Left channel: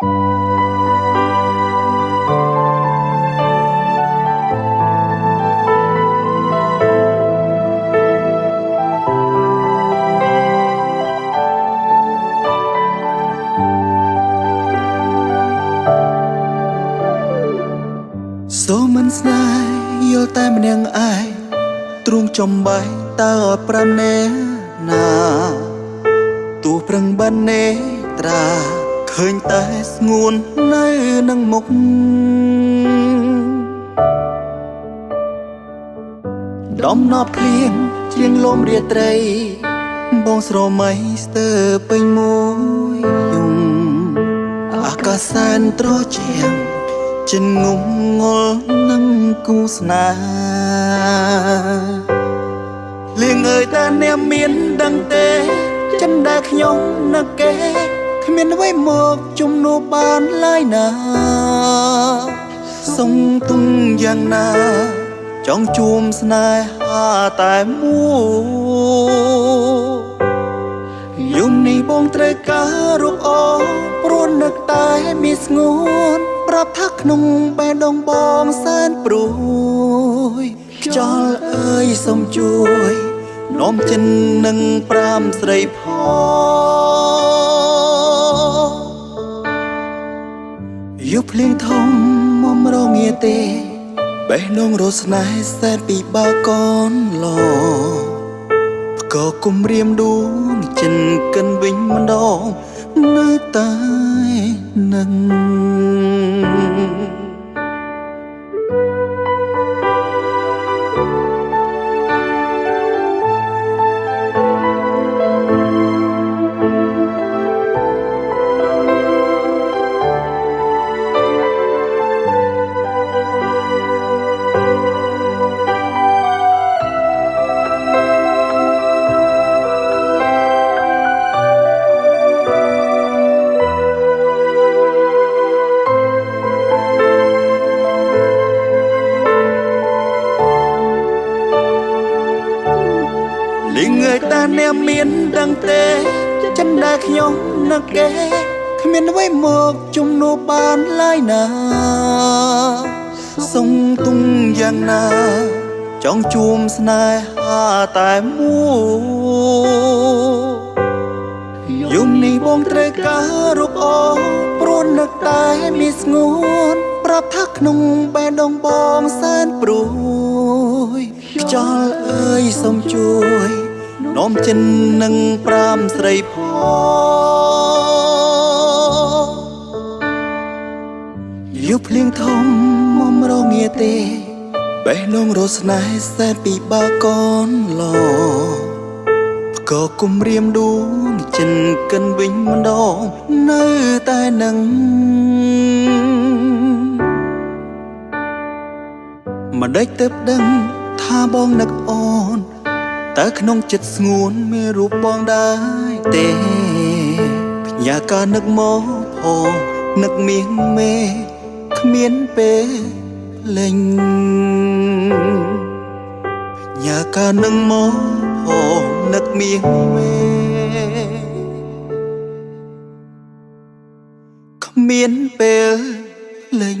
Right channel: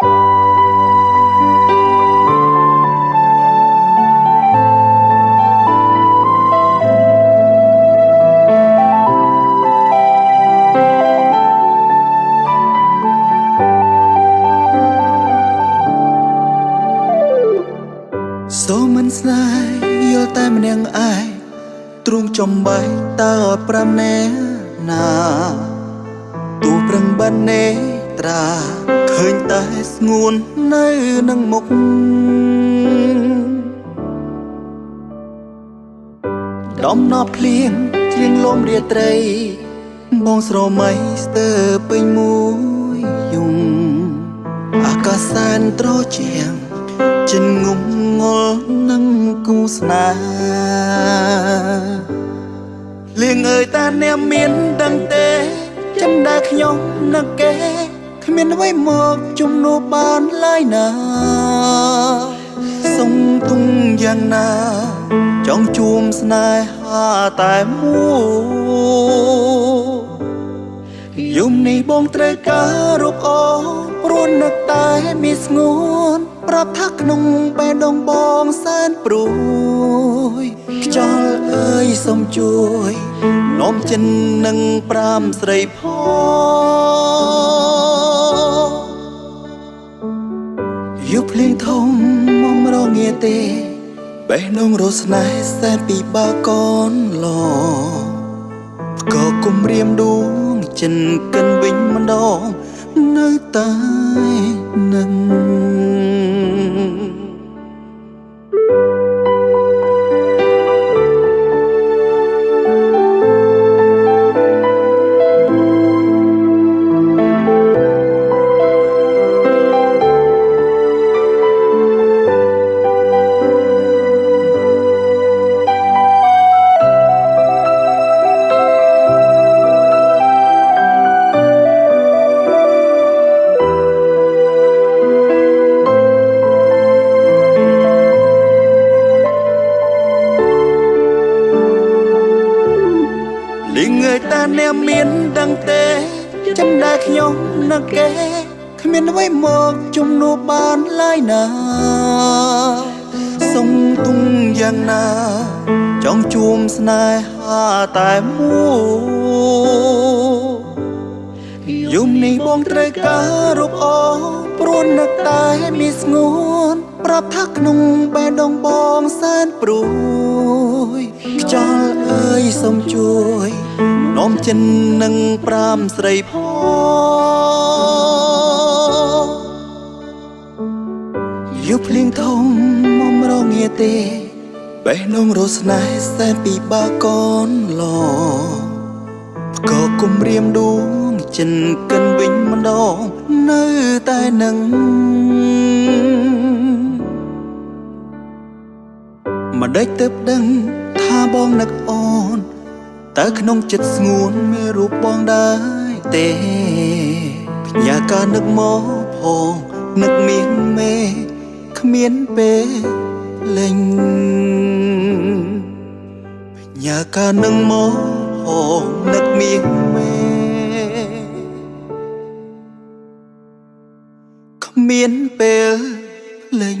សូមមិនស្នេហ៍យល់តែម្នាក់ឯងទ្រង់ចំបែកតើប្រាំណែណាទូប្រឹងបាននេត្រាឃើញតែស្ងួននៅនឹងមុខដំណប់ភ្លៀងជ្រៀងលំរាត្រីបងស្រមៃស្ទើរពេញមួយយំអាកាសសែនត្រជាងចិនងំងល់នឹងគូស្នេហ៍លៀងអើយតាអ្នកមានដឹងទេចិនដែលខ្ញុំនឹកគេគ្មានអ្វីមកជំនួសបានឡើយណាសុំទុំយ៉ាងណាចង់ជួមស្នេហាតែមួយយំនេះបងត្រូវការរូបអូនព្រោះនឹកតែមានស្ងួនប្រាប់ថាក្នុងបេះដូងបងសែនព្រួយខ្យល់អើយសូមជួយនោមចិននឹងប្រាំស្រីផងយុភ្លៀងធំមករងាទេបេះដូងរស្នេហ៍សែនពីបាកូនឡក៏គុំរៀមដួងចិនកិនវិញម្ដងនៅតែនឹងលៀងអើយតាអ្នកមានដឹងទេចិនដែលខ្ញុំនឹកគេគ្មានអ្វីមកជំនួសបានឡើយណាសុំទុំយ៉ាងណាចង់ជួមស្នេហាតែមួយយំនេះបងត្រូវការរូបអូនព្រោះនឹកតែមានស្ងួនប្រាប់ថាក្នុងបេះដូងបងសែនព្រួយខ្យល់អើយសូមជួយនោមចិននឹងប្រាំស្រីផងយុភ្លៀងធំមករងាទេបេះដូងរស្នេហ៍សែនពីបាកូនឡក៏គុំរៀមដួងចិនកិនវិញម្ដងនៅតែនឹងម្ដេចទើបដឹងថាបងនឹកអូនតើក្នុងចិត្តស្ងួនមានរូបបងដែរទេផ្ញើការនឹកមកផងនឹកមៀងមេគ្មានពេលលេងផ្ញើការនឹកមកផងនឹកមៀងមេគ្មានពេលលេង